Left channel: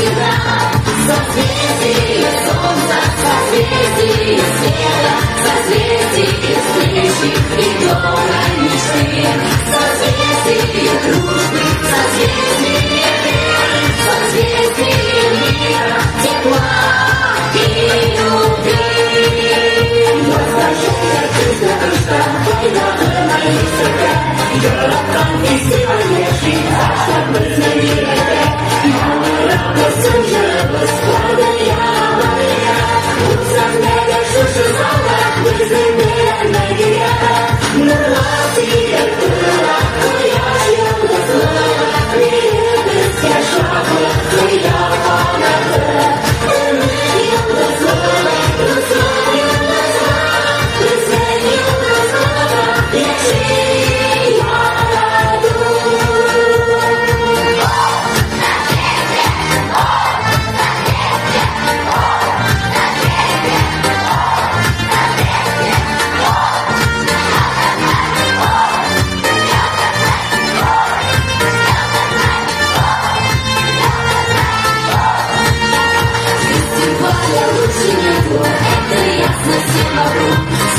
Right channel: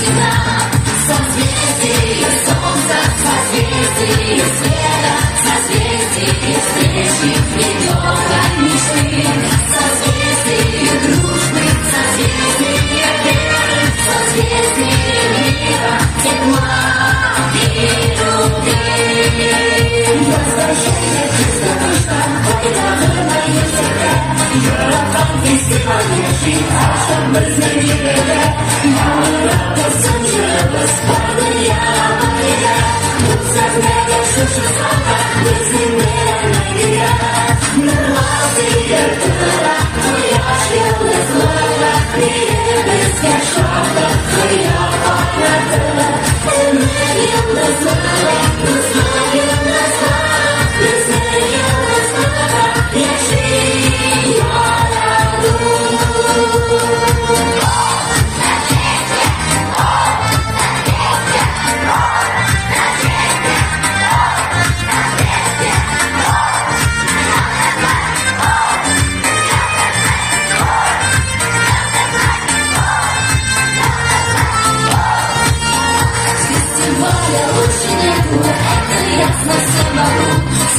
навсегда. Созвездие солнца, созвездие света, созвездие встречи и доброй мечты. Созвездие дружбы, созвездие веры, созвездие мира, тепла и любви. Возвращение чувства душа, это моя секрет. Город сегодня жива, чтобы знаменитый. Мало рассуждалась, я моя. Устраняя суши сала, безымянная. На лапе дура, твоя железная. Крепость я шагла, твоя погода. Энергия глазная, глазная, глазная, я жила раду.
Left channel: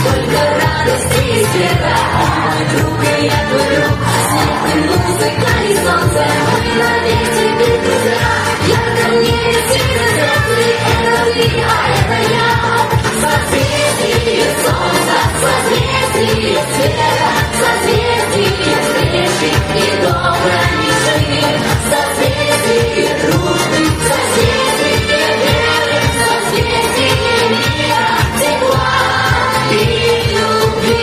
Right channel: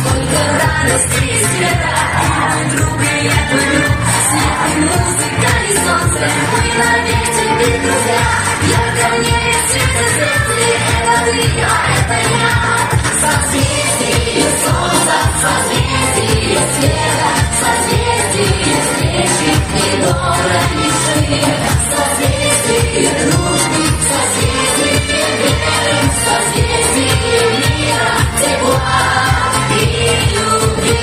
Сколько радости и света, друга я курю, свет и музыка и солнце, мы навек тебе друзья. Я давнее света звезды, это ты, а это я. Созвездие солнца, созвездие света, созвездие встречи и доброй мечты. Созвездие дружбы, созвездие веры, созвездие мира, тепла и любви.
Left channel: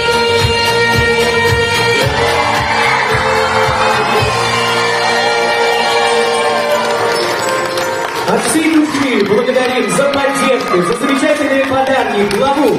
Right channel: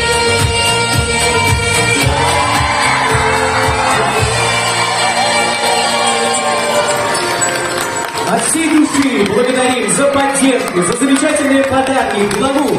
От всей души благодарим за поддержку, за замечательные подарки, главу